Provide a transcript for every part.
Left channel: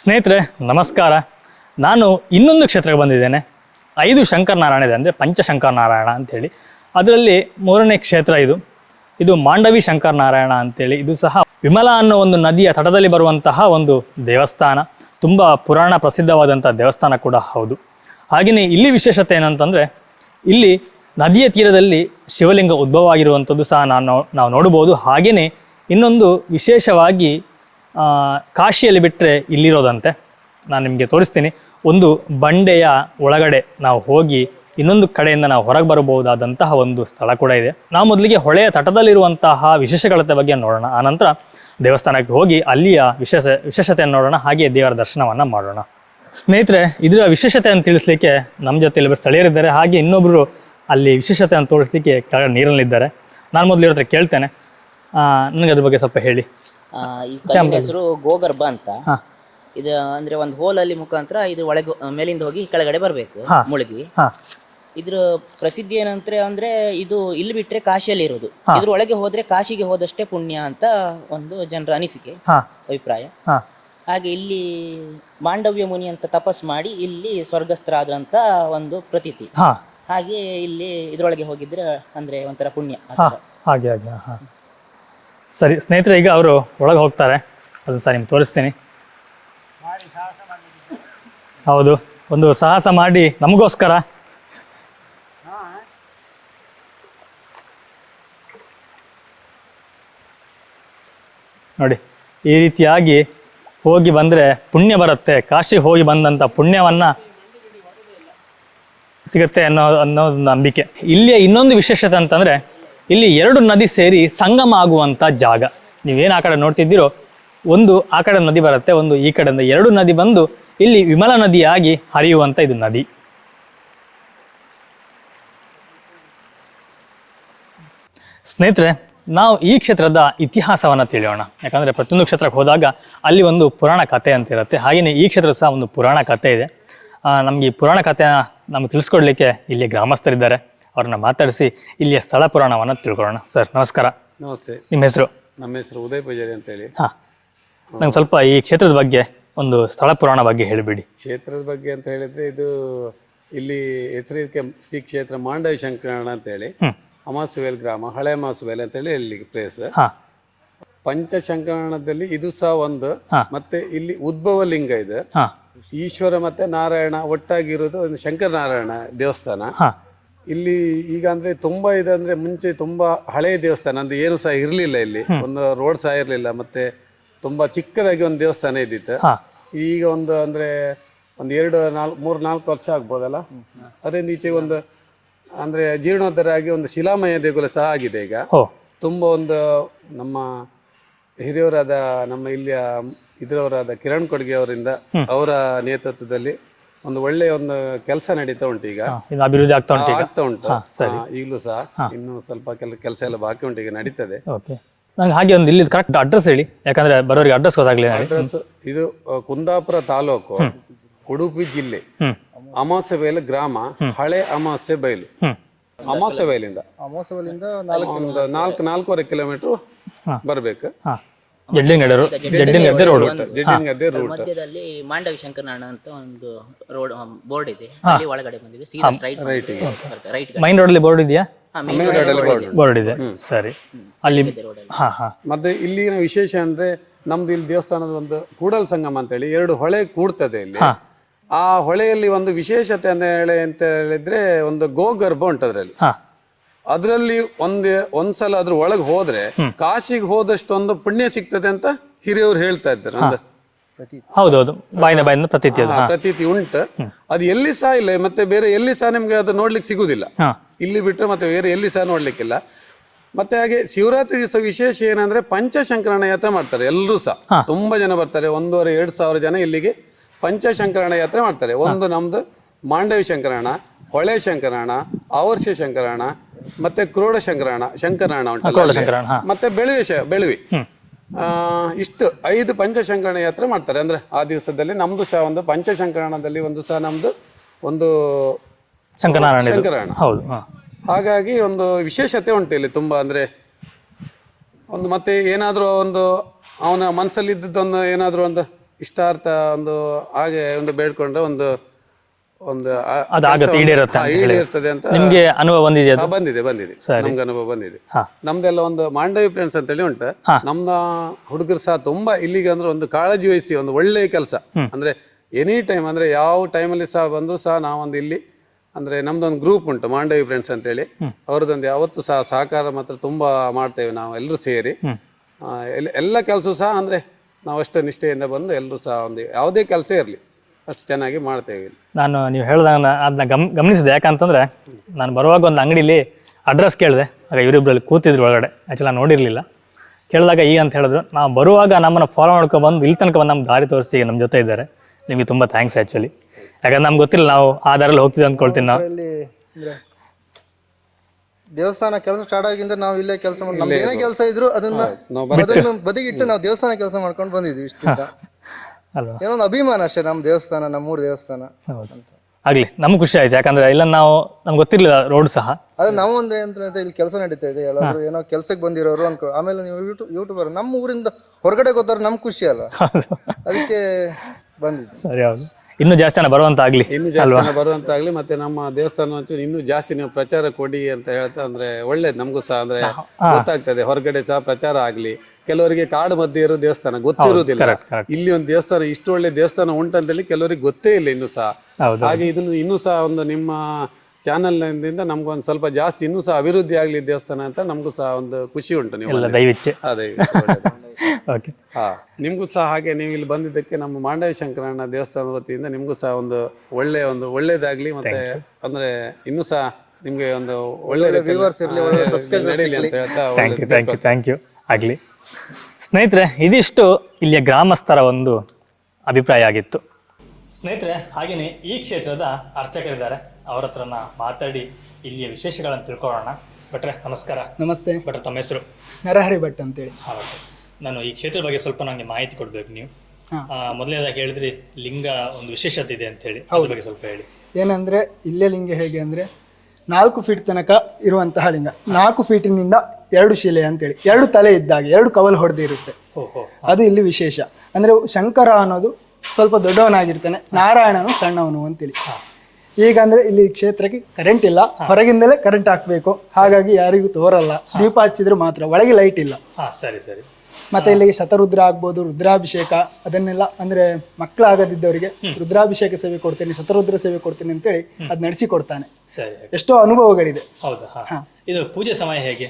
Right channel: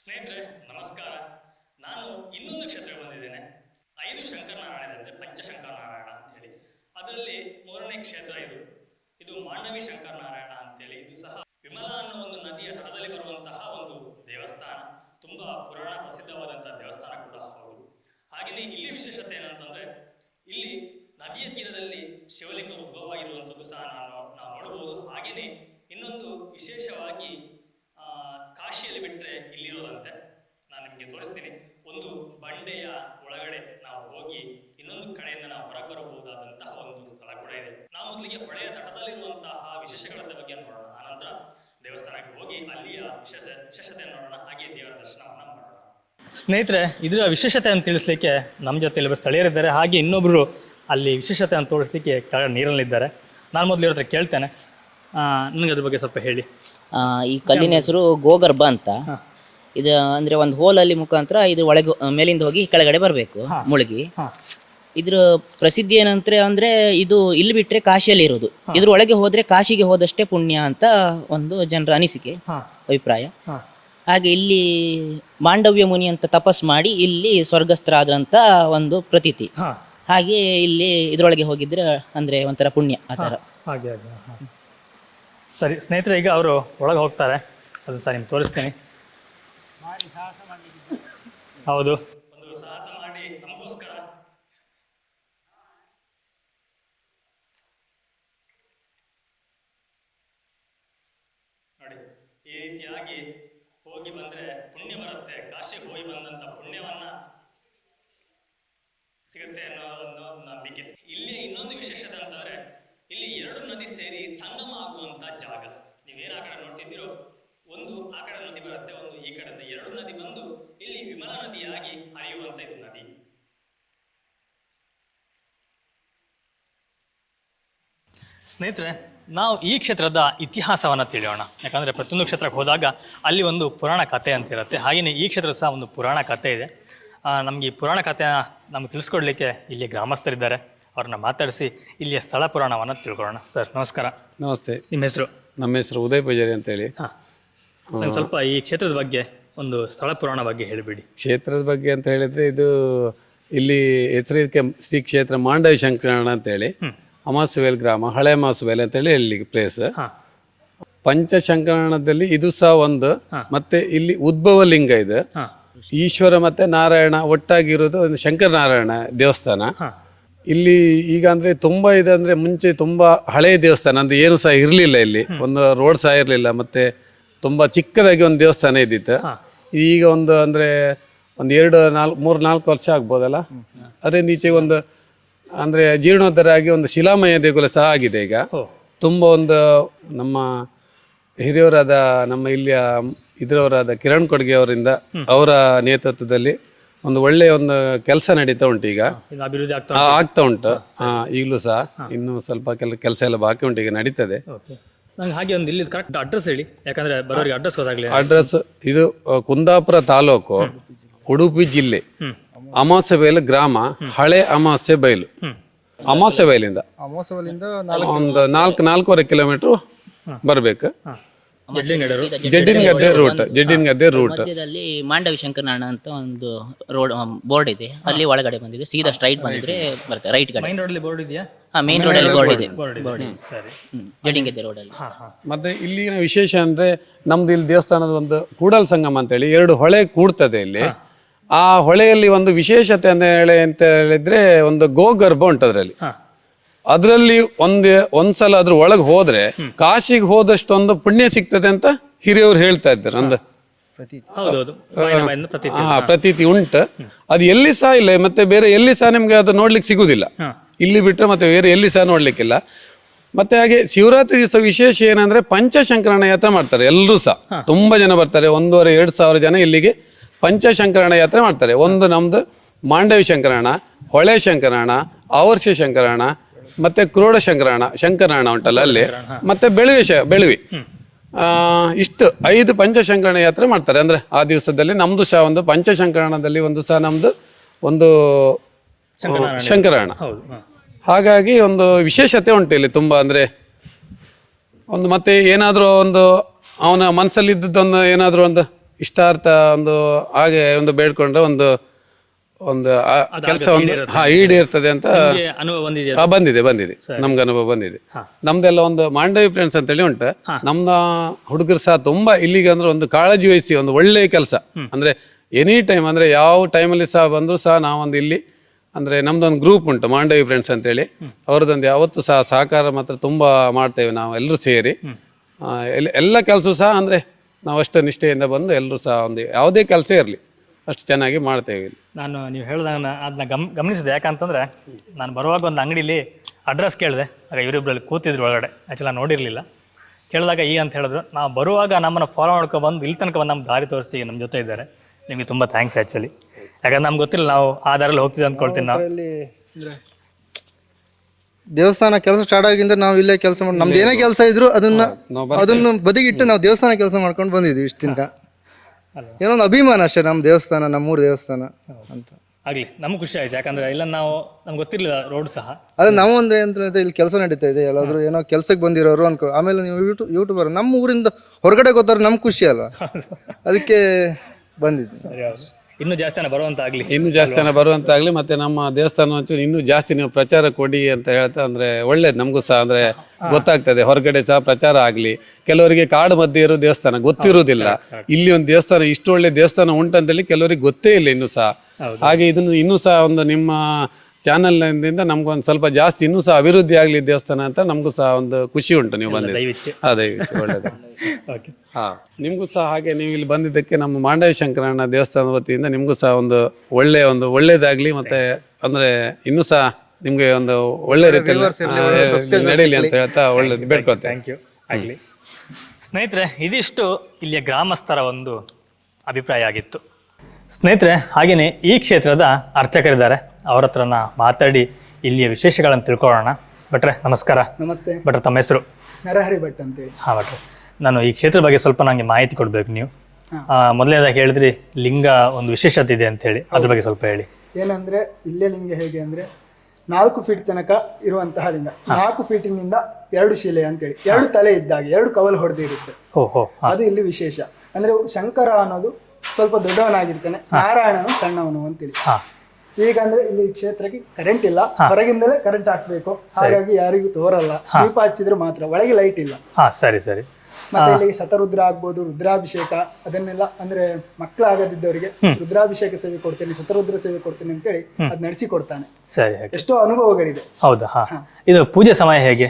ಸ್ನೇಹಿತರೆ ನಮಸ್ಕಾರ. ನಾನು ಇನ್ನೊಂದು ಕ್ಷೇತ್ರಕ್ಕೆ ಬಂದಿದ್ದೇನೆ. 5 ಶಂಕರನಾರಾಯಣ ಇದೆ, ಅಂದರೆ ಪಂಚಶಂಕರನಾರಾಯಣ ಅಂಥೇಳಿ. ಅದರಲ್ಲಿ 3ನೇ ಕ್ಷೇತ್ರ ಇದು ಮಾಂಡವಿ ಶಂಕರನಾರಾಯಣ ಅಂಥೇಳಿ. ಇದು ಸಹ ವಿಮಲಾ ಅನ್ನೋ ಒಂದು ನದಿಯ ತಟದಲ್ಲಿ ಬರುವಂತಹ ಒಂದು ದೇವಸ್ಥಾನ. ತುಂಬ ಪುರಾಣ ಪ್ರಸಿದ್ಧವಾದಂಥ ದೇವಸ್ಥಾನ ಕೂಡ ಹೌದು. ಹಾಗೆಯೇ ಇಲ್ಲಿ ವಿಶೇಷತೆ ಏನಂತಂದರೆ, ಇಲ್ಲಿ ನದಿಯ ತೀರದಲ್ಲಿ ಶಿವಲಿಂಗ ಉದ್ಭವ ಆಗಿರುವಂಥದ್ದು ಸಹ ನಾವು ನೋಡ್ಬೋದು. ಹಾಗೆಯೇ ಇನ್ನೊಂದು ವಿಶೇಷವಾಗಿ ಕಾಶಿಯಲ್ಲಿ ಬಿಟ್ಟರೆ ಇಲ್ಲಿರೋದಂತೆ. ನಾನು ನಿಮಗೆ ತೋರಿಸ್ತೀನಿ. ಒಂದು ಬಂಡೆಯ ಒಳಗಡೆ ನಾವು ಹೋಗಿ ಇನ್ನೊಂದು ಕಡೆಯಿಂದ ನಾವು ಹೊರಗೆ ಬರಬಹುದಾದಂತಹ ಒಂದು ಸ್ಥಳ ಕೂಡ ಇದೆ. ನಾವು ಮೊದಲಿಗೆ ಹೊಳೆಯ ತಟದಲ್ಲಿರುವಂತಹ ವಿಶೇಷಗಳತೆ ಬಗ್ಗೆ ನೋಡೋಣ. ಆನಂತರ ದೇವಸ್ಥಾನಕ್ಕೆ ಹೋಗಿ ಅಲ್ಲಿಯ ವಿಶೇಷತೆಯನ್ನು ನೋಡೋಣ, ಹಾಗೆ ದೇವರ ದರ್ಶನವನ್ನು ಮಾಡೋಣ. ಸ್ನೇಹಿತರೆ, ಇದರ ವಿಶೇಷತೆಯನ್ನು ತಿಳಿಸ್ಲಿಕ್ಕೆ ನಮ್ಮ ಜೊತೆ ಇಲ್ಲೊಬ್ಬರು ಸ್ಥಳೀಯರಿದ್ದಾರೆ, ಹಾಗೆ ಇನ್ನೊಬ್ಬರು ಅಲ್ಲಿ ವಿಶೇಷತೆಯನ್ನು ತೋರಿಸ್ಲಿಕ್ಕೆ ಕೆಳಗಡೆ ನೀರಲ್ಲಿದ್ದಾರೆ. ನಾನು ಮೊದಲು ಇವ್ರ ಹತ್ರ ಕೇಳ್ತೇನೆ, ನನಗೆ ಅದ್ರ ಬಗ್ಗೆ ಸ್ವಲ್ಪ ಹೇಳಿ. ಈ ಕಲ್ಲಿನ ಹೆಸರು ಗೋಗರ್ಭ ಅಂತ. ಇದು ಅಂದ್ರೆ ಒಂದು ಹೋಲಲ್ಲಿ ಮುಖಾಂತರ ಇದು ಒಳಗೆ ಮೇಲಿಂದ ಹೋಗಿ ಕೆಳಗಡೆ ಬರಬೇಕು ಮುಳುಗಿ. ಇದ್ರ ಪ್ರಸಿದ್ಧಿ ಏನಂದ್ರೆ ಅಂದ್ರೆ ಇದು ಇಲ್ಲಿ ಬಿಟ್ರೆ ಕಾಶಿಯಲ್ಲಿ ಇರೋದು. ಇದ್ರ ಒಳಗೆ ಹೋದ್ರೆ ಕಾಶಿಗೆ ಹೋದಷ್ಟೇ ಪುಣ್ಯ ಅಂತ ಒಂದು ಜನರ ಅನಿಸಿಕೆ, ಅಭಿಪ್ರಾಯ. ಹಾಗೆ ಇಲ್ಲಿ ಮಾಂಡವ್ಯ ಮುನಿ ಅಂತ ತಪಸ್ ಮಾಡಿ ಇಲ್ಲಿ ಸ್ವರ್ಗಸ್ಥರಾದಂತ ಒಂದು ಪ್ರತೀತಿ. ಹಾಗೆ ಇಲ್ಲಿ ಇದ್ರೊಳಗೆ ಹೋಗಿದ್ರೆ ಅಂದ್ರೆ ಒಂಥರ ಪುಣ್ಯ. ಹಾಗೆ ಸರಿ ಸ್ನೇಹಿತರೆ, ಈಗ ಅವರು ಒಳಗೆ ಹೋಗ್ತಾರೆ, ಅದು ಸಹ ನಿಮ್ಗೆ ತೋರಿಸ್ತೀನಿ. ಹೌದು, ಒಂದು ಸಾಹಸ ಮಾಡಿ ನಮಗೋಸ್ಕರ. ನೋಡಿ, ಈ ರೀತಿಯಾಗಿ ಹೋಗಿ ಬಂದರೆ ಪುಣ್ಯ ಬರುತ್ತೆ. ಕಾಶಿಗೆ ಹೋಗಿ ಬಂದಂಥ ಪುಣ್ಯವನ್ನು ಸಿಗುತ್ತೆ ಅನ್ನೋದು ನಂಬಿಕೆ. ಇಲ್ಲಿಯ ಇನ್ನೊಂದು ವಿಶೇಷತೆ ಅಂತಂದರೆ, ಇಲ್ಲಿ 2 ನದಿ ಸೇರಿ ಸಂಗಮ ಆಗುವಂಥ ಜಾಗ. ನೀವೇನು ಆ ಕಡೆ ನೋಡ್ತಿದ್ದೀರೋ, ಒಂದು ಆ ಕಡೆ ನದಿ ಬರುತ್ತೆ, ಒಂದು ಈ ಕಡೆಯಿಂದ 2 ನದಿ ಬಂದು ಇಲ್ಲಿ ವಿಮಲ ನದಿಯಾಗಿ ಹರಿಯುವಂಥ ಇದು ನದಿ. ಸ್ನೇಹಿತರೆ, ನಾವು ಈ ಕ್ಷೇತ್ರದ ಇತಿಹಾಸವನ್ನು ತಿಳಿಯೋಣ. ಯಾಕಂದರೆ ಪ್ರತಿಯೊಂದು ಕ್ಷೇತ್ರಕ್ಕೆ ಹೋದಾಗ ಅಲ್ಲಿ ಒಂದು ಪುರಾಣ ಕಥೆ ಅಂತ ಇರುತ್ತೆ. ಹಾಗೆಯೇ ಈ ಕ್ಷೇತ್ರ ಸಹ ಒಂದು ಪುರಾಣ ಕಥೆ ಇದೆ. ನಮಗೆ ಈ ಪುರಾಣ ಕಥೆನ ನಮಗೆ ತಿಳಿಸ್ಕೊಡ್ಲಿಕ್ಕೆ ಇಲ್ಲಿ ಗ್ರಾಮಸ್ಥರಿದ್ದಾರೆ. ಅವ್ರನ್ನ ಮಾತಾಡಿಸಿ ಇಲ್ಲಿಯ ಸ್ಥಳ ಪುರಾಣವನ್ನು ತಿಳ್ಕೊಳ್ಳೋಣ. ಸರ್ ನಮಸ್ಕಾರ. ನಮಸ್ತೆ. ನಿಮ್ಮ ಹೆಸರು? ನಮ್ಮ ಹೆಸರು ಉದಯ್ ಪೂಜಾರಿ ಅಂತೇಳಿ. ನಂಗೆ ಸ್ವಲ್ಪ ಈ ಕ್ಷೇತ್ರದ ಬಗ್ಗೆ, ಒಂದು ಸ್ಥಳ ಪುರಾಣ ಬಗ್ಗೆ ಹೇಳಿಬಿಡಿ. ಕ್ಷೇತ್ರದ ಬಗ್ಗೆ ಅಂತ ಹೇಳಿದ್ರೆ, ಇದು ಇಲ್ಲಿ ಹೆಸರಿಕೆ ಶ್ರೀ ಕ್ಷೇತ್ರ ಮಾಂಡವಿ ಶಂಕರನಾರಾಯಣ ಅಂತೇಳಿ, ಅಮಾಸೆಬೈಲು ಗ್ರಾಮ, ಹಳೆ ಅಮಾಸೆಬೈಲು ಅಂತೇಳಿ ಇಲ್ಲಿ ಪ್ಲೇಸ್. ಪಂಚಶಂಕರಣದಲ್ಲಿ ಇದು ಸಹ ಒಂದು. ಮತ್ತೆ ಇಲ್ಲಿ ಉದ್ಭವ ಲಿಂಗ ಇದೆ. ಈಶ್ವರ ಮತ್ತೆ ನಾರಾಯಣ ಒಟ್ಟಾಗಿರೋದು ಒಂದು ಶಂಕರನಾರಾಯಣ ದೇವಸ್ಥಾನ. ಇಲ್ಲಿ ಈಗ ಅಂದ್ರೆ ತುಂಬಾ ಇದೆ, ಅಂದ್ರೆ ಮುಂಚೆ ತುಂಬಾ ಹಳೆಯ ದೇವಸ್ಥಾನ, ಅಂದ್ರೆ ಏನು ಸಹ ಇರ್ಲಿಲ್ಲ ಇಲ್ಲಿ, ಒಂದು ರೋಡ್ ಸಹ ಇರ್ಲಿಲ್ಲ, ಮತ್ತೆ ತುಂಬಾ ಚಿಕ್ಕದಾಗಿ ಒಂದು ದೇವಸ್ಥಾನ ಇದ್ದಿತ್ತು. ಈಗ ಒಂದು ಅಂದ್ರೆ ಒಂದು 3-4 ವರ್ಷ ಆಗ್ಬೋದಲ್ಲ, ಅದರಿಂದ ಈಚೆ ಒಂದು ಅಂದ್ರೆ ಜೀರ್ಣೋದ್ಧಾರ ಆಗಿ ಒಂದು ಶಿಲಾಮಯ ದೇಗುಲ ಸಹ ಆಗಿದೆ ಈಗ. ತುಂಬ ಒಂದು ನಮ್ಮ ಹಿರಿಯವರಾದ ನಮ್ಮ ಇಲ್ಲಿಯ ಇದರವರಾದ ಕಿರಣ್ ಕೊಡ್ಗೆ ಅವರಿಂದ, ಅವರ ನೇತೃತ್ವದಲ್ಲಿ ಒಂದು ಒಳ್ಳೆಯ ಒಂದು ಕೆಲಸ ನಡೀತಾ ಉಂಟು. ಈಗ ಅಭಿವೃದ್ಧಿ ಆಗ್ತಾ ಉಂಟು ಈಗಲೂ ಸಹ. ಇನ್ನು ಸ್ವಲ್ಪ ಕೆಲಸ ಎಲ್ಲ ಬಾಕಿ ಉಂಟು, ಈಗ ನಡೀತದೆ. ನಂಗೆ ಹಾಗೆ ಒಂದು ಇಲ್ಲಿ ಕರೆಕ್ಟ್ ಅಡ್ರೆಸ್ ಹೇಳಿ, ಯಾಕಂದ್ರೆ ಬರೋರಿಗೆ ಅಡ್ರೆಸ್ ಗೊತ್ತಾಗ್ಲಿ. ಅಡ್ರೆಸ್ ಇದು ಕುಂದಾಪುರ ತಾಲೂಕು, ಉಡುಪಿ ಜಿಲ್ಲೆ, ಅಮಾಸೆಬೈಲು ಗ್ರಾಮ, ಹಳೆ ಅಮಾಸೆಬೈಲು. ಅಮಾಸೆಬೈಲಿಂದ ಒಂದು 4-4.5 ಕಿಲೋಮೀಟರ್ ಬರಬೇಕು. ಜಡ್ಡಿನಗದ್ದೆ ರೂಟ್. ಮಧ್ಯದಲ್ಲಿ ಮಾಂಡವಿ ಶಂಕರನಾರಾಯಣ ಅಂತ ಒಂದು ರೋಡ್ ಬೋರ್ಡ್ ಇದೆ, ಅಲ್ಲಿ ಒಳಗಡೆ ಬಂದಿದೆ. ಸೀದಾ ಸ್ಟ್ರೈಟ್ ಬಂದಿದ್ರೆ ಬರುತ್ತೆ. ರೈಟ್ ಮೈನ್ ರೋಡ್ ಅಲ್ಲಿ ಬೋರ್ಡ್ ಇದೆಯಾ? ಮೇನ್ ರೋಡ್ ಅಲ್ಲಿ ಬೋರ್ಡ್ ಇದೆ. ಸರಿ. ಮತ್ತೆ ಇಲ್ಲಿ ವಿಶೇಷ ಅಂದ್ರೆ, ನಮ್ದು ಇಲ್ಲಿ ದೇವಸ್ಥಾನದ ಒಂದು ಕೂಡಲ ಸಂಗಮ ಅಂತೇಳಿ 2 ಹೊಳೆ ಕೂಡ್ತದೆ ಇಲ್ಲಿ. ಆ ಹೊಳೆಯಲ್ಲಿ ಒಂದು ವಿಶೇಷತೆ ಅಂತ ಹೇಳಿದ್ರೆ, ಒಂದು ಗೋಗರ್ಭ ಉಂಟು ಅದ್ರಲ್ಲಿ. ಅದರಲ್ಲಿ ಒಂದ್ಸಲ ಅದ್ರ ಒಳಗೆ ಹೋದ್ರೆ ಕಾಶಿಗೆ ಹೋದಷ್ಟು ಒಂದು ಪುಣ್ಯ ಸಿಗ್ತದೆ ಅಂತ ಹಿರಿಯವರು ಹೇಳ್ತಾ ಇದ್ದಾರೆ. ಒಂದು ಪ್ರತೀತಿ ಉಂಟು. ಅದು ಎಲ್ಲಿ ಸಹ ಇಲ್ಲ, ಮತ್ತೆ ಬೇರೆ ಎಲ್ಲಿ ಸಹ ನಿಮ್ಗೆ ಅದು ನೋಡ್ಲಿಕ್ಕೆ ಸಿಗುದಿಲ್ಲ. ಇಲ್ಲಿ ಬಿಟ್ರೆ ಮತ್ತೆ ಬೇರೆ ಎಲ್ಲಿ ಸಹ ನೋಡ್ಲಿಕ್ಕಿಲ್ಲ. ಮತ್ತೆ ಹಾಗೆ ಶಿವರಾತ್ರಿ ದಿವಸ ವಿಶೇಷ ಏನಂದ್ರೆ, ಪಂಚಶಂಕರಣ ಯಾತ್ರೆ ಮಾಡ್ತಾರೆ. ಎಲ್ಲರೂ ಸಹ ತುಂಬಾ ಜನ ಬರ್ತಾರೆ. 1,500-2 ಸಾವಿರ ಜನ ಇಲ್ಲಿಗೆ ಪಂಚಶಂಕರಣ ಯಾತ್ರೆ ಮಾಡ್ತಾರೆ. ಒಂದು ನಮ್ದು ಮಾಂಡವಿ ಶಂಕರಣ, ಹೊಳೆ ಶಂಕರಣ, ಆವರ್ಷ ಶಂಕರಣ, ಮತ್ತೆ ಕ್ರೋಡ ಶಂಕರಣ ಉಂಟಲ್ಲ ಅಲ್ಲಿ, ಮತ್ತೆ ಬೆಳುವಿ. ಇಷ್ಟು 5 ಪಂಚಶಂಕರಣ ಯಾತ್ರೆ ಮಾಡ್ತಾರೆ. ಅಂದ್ರೆ ಆ ದಿವಸದಲ್ಲಿ ನಮ್ದು ಸಹ ಒಂದು ಪಂಚಶಂಕರಣದಲ್ಲಿ ಒಂದು ಸಹ ನಮ್ದು ಒಂದು ಶಂಕರಣ. ಹಾಗಾಗಿ ಒಂದು ವಿಶೇಷತೆ ಉಂಟು ಇಲ್ಲಿ ತುಂಬಾ. ಅಂದ್ರೆ ಒಂದು ಮತ್ತೆ ಏನಾದ್ರೂ ಒಂದು ಅವನ ಮನಸ್ಸಲ್ಲಿ ಇದ್ದದ್ದೊಂದು ಏನಾದ್ರೂ ಒಂದು ಇಷ್ಟಾರ್ಥ ಒಂದು ಹಾಗೆ ಒಂದು ಬೇಡ್ಕೊಂಡ್ರೆ ಒಂದು ಈಡೇರ್ತದೆ ಅಂತ ಅನುಭವ ಬಂದಿದೆ. ಬಂದಿದೆ ನಮ್ಗೆ ಅನುಭವ ಬಂದಿದೆ. ನಮ್ದೆಲ್ಲ ಒಂದು ಮಾಂಡವಿ ಫ್ರೆಂಡ್ಸ್ ಅಂತ ಹೇಳಿ ಉಂಟು. ನಮ್ದ ಹುಡುಗರು ಸಹ ತುಂಬಾ ಇಲ್ಲಿಗೆ ಅಂದ್ರೆ ಒಂದು ಕಾಳಜಿ ವಹಿಸಿ ಒಂದು ಒಳ್ಳೆ ಕೆಲಸ ಅಂದ್ರೆ ಎನಿ ಟೈಮ್ ಅಂದ್ರೆ ಯಾವ ಟೈಮಲ್ಲಿ ಸಹ ಬಂದ್ರು ಸಹ ನಾವೊಂದು ಇಲ್ಲಿ ಅಂದ್ರೆ ನಮ್ದೊಂದು ಗ್ರೂಪ್ ಉಂಟು ಮಾಂಡವಿ ಫ್ರೆಂಡ್ಸ್ ಅಂತೇಳಿ, ಅವ್ರದ್ದೊಂದು ಯಾವತ್ತೂ ಸಹ ಸಹಕಾರ ಮಾತ್ರ ತುಂಬಾ ಮಾಡ್ತೇವೆ ನಾವು ಎಲ್ಲರೂ ಸೇರಿ. ಎಲ್ಲ ಕೆಲಸ ಸಹ ಅಂದ್ರೆ ನಾವು ಅಷ್ಟು ನಿಷ್ಠೆಯಿಂದ ಬಂದು ಎಲ್ಲರೂ ಸಹ ಒಂದು ಯಾವುದೇ ಕೆಲಸ ಇರಲಿ ಅಷ್ಟು ಚೆನ್ನಾಗಿ ಮಾಡ್ತೇವೆ. ನೀವು ಹೇಳಿದಾಗ ಅದನ್ನ ಗಮನಿಸಿದೆ. ಯಾಕಂತಂದ್ರೆ ನಾನು ಬರುವಾಗ ಒಂದು ಅಂಗಡಿಲಿ ಅಡ್ರೆಸ್ ಕೇಳಿದೆ, ಆಗ ಇವರಿಬ್ಬರಲ್ಲಿ ಕೂತಿದ್ರು ಒಳಗಡೆ. ಆ್ಯಕ್ಚುಲಿ ನಾನು ನೋಡಿರಲಿಲ್ಲ. ಕೇಳಿದಾಗ ಈ ಅಂತ ಹೇಳಿದ್ರು. ನಾವು ಬರುವಾಗ ನಮ್ಮನ್ನು ಫಾಲೋ ಮಾಡ್ಕೊಂಡು ಬಂದು ಇಲ್ಲಿ ತನಕ ಬಂದು ನಮ್ಗೆ ದಾರಿ ತೋರಿಸಿ ನಮ್ಮ ಜೊತೆ ಇದ್ದಾರೆ. ನಿಮಗೆ ತುಂಬ ಥ್ಯಾಂಕ್ಸ್ ಆ್ಯಕ್ಚುಲಿ. ಯಾಕಂದ್ರೆ ನಮ್ಗೆ ಗೊತ್ತಿಲ್ಲ, ನಾವು ಆ ದಾರಲ್ಲಿ ಹೋಗ್ತಿದ್ದೆ ಅಂದ್ಕೊಳ್ತೀನಿ. ನಾವು ದೇವಸ್ಥಾನ ಕೆಲಸ ಸ್ಟಾರ್ಟ್ ಆಗಿಂದ ನಾವು ಇಲ್ಲೇ ಕೆಲಸ ಮಾಡಿ ನಮ್ದು ಏನೇ ಕೆಲಸ ಇದ್ರು ಅದನ್ನ ಬದಿಗಿಟ್ಟು ನಾವು ದೇವಸ್ಥಾನ ಕೆಲಸ ಮಾಡ್ಕೊಂಡು ಬಂದಿದ್ವಿ ಇಷ್ಟಿಂದ. ಏನೋ ಒಂದು ಅಭಿಮಾನ ಅಷ್ಟೇ, ನಮ್ಮ ದೇವಸ್ಥಾನ, ನಮ್ಮೂರು ದೇವಸ್ಥಾನ ಅಂತ. ಆಗ್ಲಿ, ನಮ್ಗೆ ಖುಷಿ ಆಯ್ತು. ಯಾಕಂದ್ರೆ ಇಲ್ಲ ನಾವು ನಮ್ಗೆ ಗೊತ್ತಿರಲಿಲ್ಲ ರೋಡ್ ಸಹ. ಅದೇ ನಾವು ಅಂದ್ರೆ ಅಂತ ಇಲ್ಲಿ ಕೆಲಸ ನಡೀತಾ ಇದೆ, ಎಲ್ಲಾದ್ರೂ ಏನೋ ಕೆಲ್ಸಕ್ಕೆ ಬಂದಿರೋರು ಅನ್ಕೋ. ಆಮೇಲೆ ನೀವು ಯೂಟ್ಯೂಬರ್ ನಮ್ಮ ಊರಿಂದ ಹೊರಗಡೆ ಗೊತ್ತಾರ ನಮ್ಗೆ ಖುಷಿ ಅಲ್ವಾ, ಅದಕ್ಕೆ ಬಂದಿದ್ದು. ಸರಿ, ಹೌದು. ಇನ್ನೂ ಜಾಸ್ತಿ ಜನ ಬರುವಂತಾಗ್ಲಿ, ಮತ್ತೆ ನಮ್ಮ ದೇವಸ್ಥಾನ ಇನ್ನೂ ಜಾಸ್ತಿ ನೀವು ಪ್ರಚಾರ ಕೊಡಿ ಅಂತ ಹೇಳ್ತಾ ಅಂದ್ರೆ ಒಳ್ಳೇದು ನಮಗೂ ಸಹ. ಅಂದ್ರೆ ಗೊತ್ತಾಗ್ತದೆ ಹೊರಗಡೆ ಸಹ ಪ್ರಚಾರ ಆಗ್ಲಿ. ಕೆಲವರಿಗೆ ಕಾಡು ಮಧ್ಯೆ ಇರೋ ದೇವಸ್ಥಾನ ಗೊತ್ತಿರುವುದಿಲ್ಲ, ಇಲ್ಲಿ ಒಂದು ದೇವಸ್ಥಾನ ಇಷ್ಟು ಒಳ್ಳೆ ದೇವಸ್ಥಾನ ಉಂಟಂತೇಳಿ ಕೆಲವರಿಗೆ ಗೊತ್ತೇ ಇಲ್ಲ ಇನ್ನೂ ಸಹ. ಹಾಗೆ ಇದನ್ನು ಇನ್ನೂ ಸಹ ಒಂದು ನಿಮ್ಮ ಚಾನಲ್ನಿಂದ ನಮ್ಗೊಂದು ಸ್ವಲ್ಪ ಜಾಸ್ತಿ ಇನ್ನೂ ಸಹ ಅಭಿವೃದ್ಧಿ ಆಗಲಿ ದೇವಸ್ಥಾನ ಅಂತ ನಮಗೂ ಸಹ ಒಂದು ಖುಷಿ ಉಂಟು. ನೀವು ದಯವಿಚ್ಚೆ. ನಿಮಗೂ ಸಹ ಹಾಗೆ ನೀವು ಇಲ್ಲಿ ಬಂದಿದ್ದಕ್ಕೆ ನಮ್ಮ ಮಾಂಡವಿ ಶಂಕರಣ್ಣ ದೇವಸ್ಥಾನದ ವತಿಯಿಂದ ನಿಮಗೂ ಸಹ ಒಂದು ಒಳ್ಳೇದಾಗ್ಲಿ. ಮತ್ತೆ ಅಂದ್ರೆ ಇನ್ನೂ ಸಹ ನಿಮ್ಗೆ ಒಂದು ಒಳ್ಳೆ ರೀತಿಯಲ್ಲಿ ನಡೀಲಿ ಅಂತ ಹೇಳ್ತಾ ಒಳ್ಳೆ ಥ್ಯಾಂಕ್ ಯು ಆಗಲಿ. ಸ್ನೇಹಿತರೆ, ಇದಿಷ್ಟು ಇಲ್ಲಿಯ ಗ್ರಾಮಸ್ಥರ ಒಂದು ಅಭಿಪ್ರಾಯ ಆಗಿತ್ತು. ಸ್ನೇಹಿತರೆ, ಹಾಗೆಯೇ ಈ ಕ್ಷೇತ್ರದ ಅರ್ಚಕರಿದ್ದಾರೆ, ಅವ್ರ ಹತ್ರನ ಮಾತಾಡಿ ಇಲ್ಲಿಯ ವಿಶೇಷಗಳನ್ನು ತಿಳ್ಕೊಳ್ಳೋಣ. ಭಟ್ರೆ ನಮಸ್ಕಾರ. ನಮಸ್ತೆ. ಭಟ್ರೆ, ತಮ್ಮ ಹೆಸರು? ನರಹರಿ ಭಟ್ ಅಂತೇಳಿ. ಹಾಂ ಭಟ್ರೆ, ನಾನು ಈ ಕ್ಷೇತ್ರದ ಬಗ್ಗೆ ಸ್ವಲ್ಪ ನನಗೆ ಮಾಹಿತಿ ಕೊಡಬೇಕು ನೀವು. ಮೊದಲನೇದಾಗಿ ಹೇಳಿದ್ರಿ ಲಿಂಗ ಒಂದು ವಿಶೇಷತೆ ಇದೆ ಅಂತ ಹೇಳಿ, ಅದ್ರ ಬಗ್ಗೆ ಸ್ವಲ್ಪ ಹೇಳಿ. ಏನಂದ್ರೆ ಇಲ್ಲೇ ಲಿಂಗ ಹೇಗೆ ಅಂದ್ರೆ 4 ಫೀಟ್ ತನಕ ಇರುವಂತಹ ಲಿಂಗ. 4 ಫೀಟಿನಿಂದ 2 ಶಿಲೆ ಅಂತೇಳಿ, 2 ತಲೆ ಇದ್ದಾಗ 2 ಕವಲು ಹೊಡೆದೇ ಇರುತ್ತೆ. ಅದು ಇಲ್ಲಿ ವಿಶೇಷ. ಅಂದ್ರೆ ಶಂಕರ ಅನ್ನೋದು ಸ್ವಲ್ಪ ದೊಡ್ಡವನಾಗಿರ್ತಾನೆ, ನಾರಾಯಣನು ಸಣ್ಣವನು ಅಂತೇಳಿ. ಈಗ ಅಂದ್ರೆ ಇಲ್ಲಿ ಕ್ಷೇತ್ರಕ್ಕೆ ಕರೆಂಟ್ ಇಲ್ಲ, ಹೊರಗಿಂದಲೇ ಕರೆಂಟ್ ಹಾಕ್ಬೇಕು. ಹಾಗಾಗಿ ಯಾರಿಗೂ ತೋರಲ್ಲ, ದೀಪ ಹಚ್ಚಿದ್ರೆ ಮಾತ್ರ, ಒಳಗೆ ಲೈಟ್ ಇಲ್ಲ. ಸರಿ ಸರಿ. ಮತ್ತೆ ಇಲ್ಲಿಗೆ ಶತರುದ್ರ ಆಗ್ಬೋದು, ರುದ್ರಾಭಿಷೇಕ, ಅದನ್ನೆಲ್ಲ ಅಂದ್ರೆ ಮಕ್ಕಳಾಗದಿದ್ದವರಿಗೆ ರುದ್ರಾಭಿಷೇಕ ಸೇವೆ ಕೊಡ್ತೀನಿ, ಶತರುದ್ರ ಸೇವೆ ಕೊಡ್ತೀನಿ ಅಂತೇಳಿ ಅದ್ ನಡೆಸಿ ಕೊಡ್ತಾನೆ. ಸರಿ. ಎಷ್ಟೋ ಅನುಭವಗಳಿದೆ. ಹೌದಾ? ಇದು ಪೂಜೆ ಸಮಯ ಹೇಗೆ?